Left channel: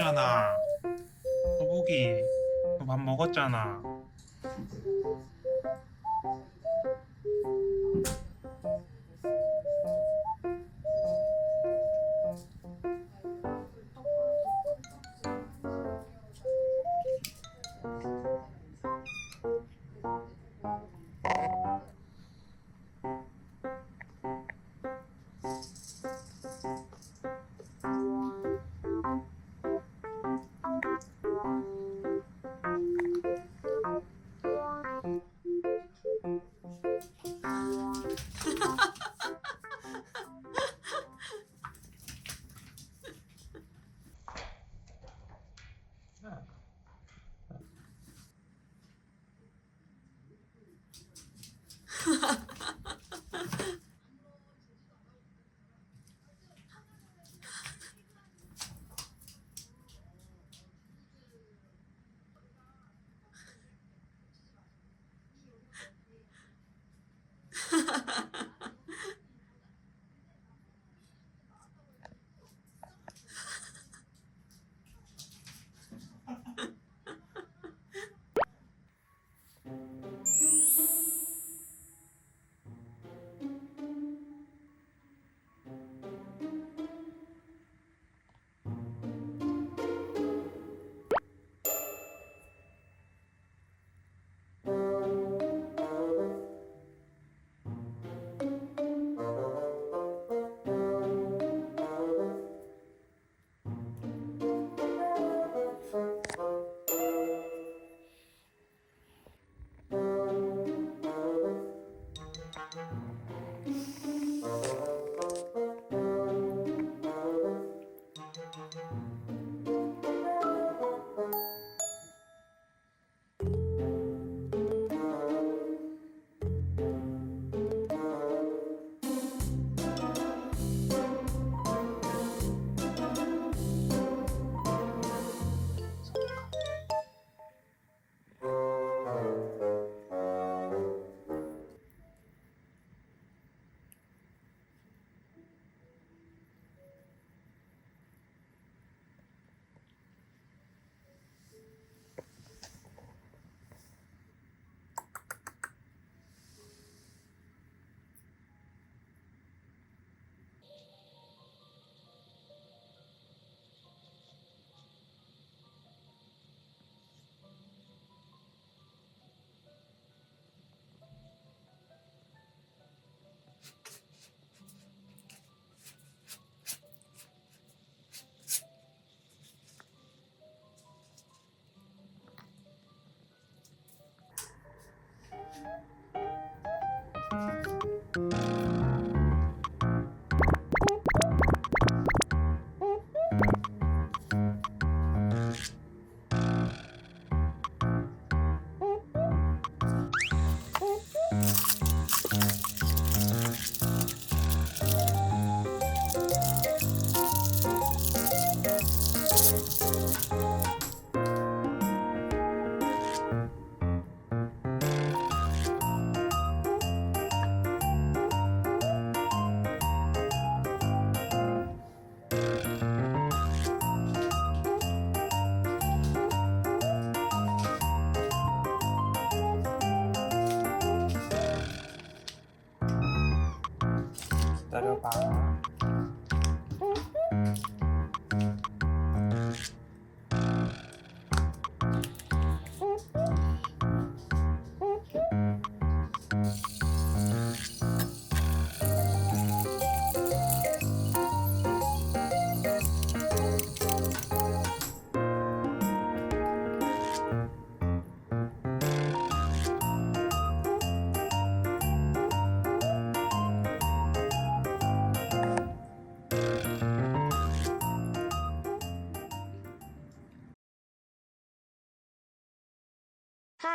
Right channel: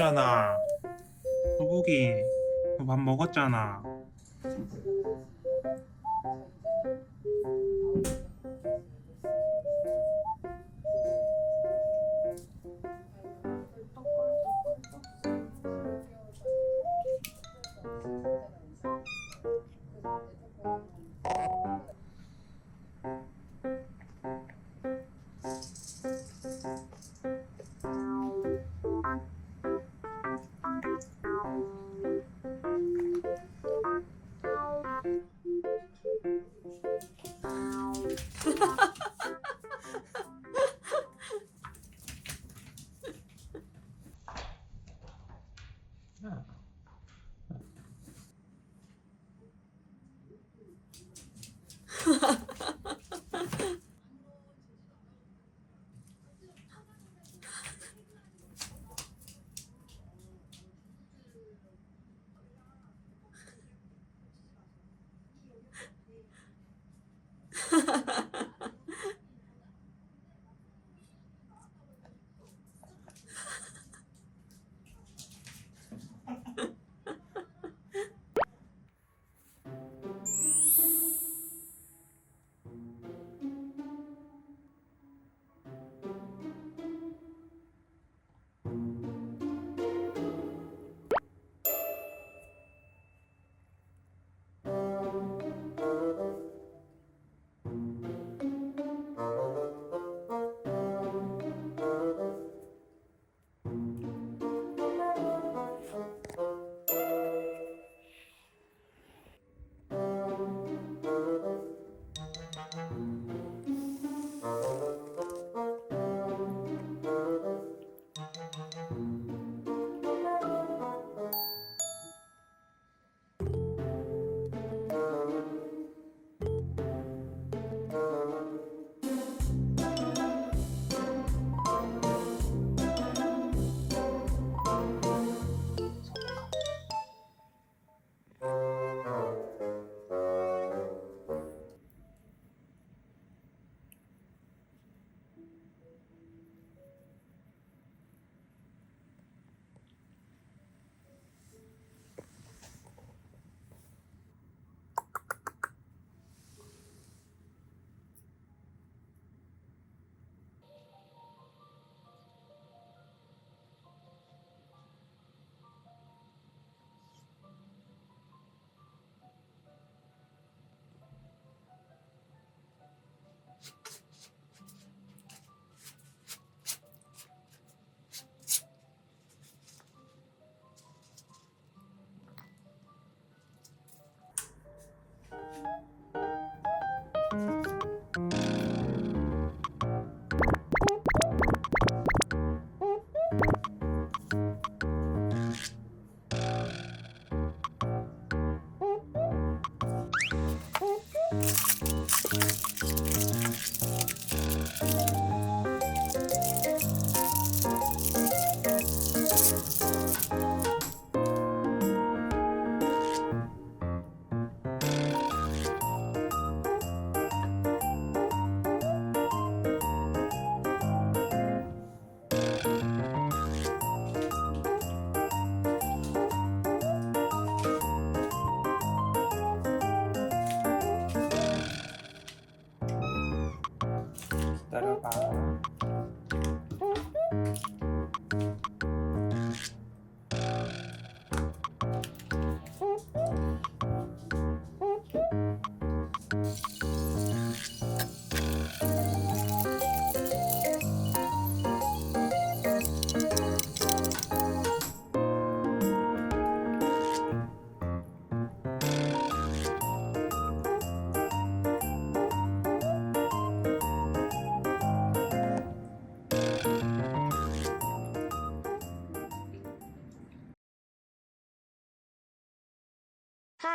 먹었잖아. 너밥 먹었잖아. 在这发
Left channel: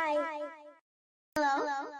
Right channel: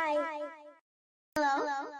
Hi. Hello. Hello.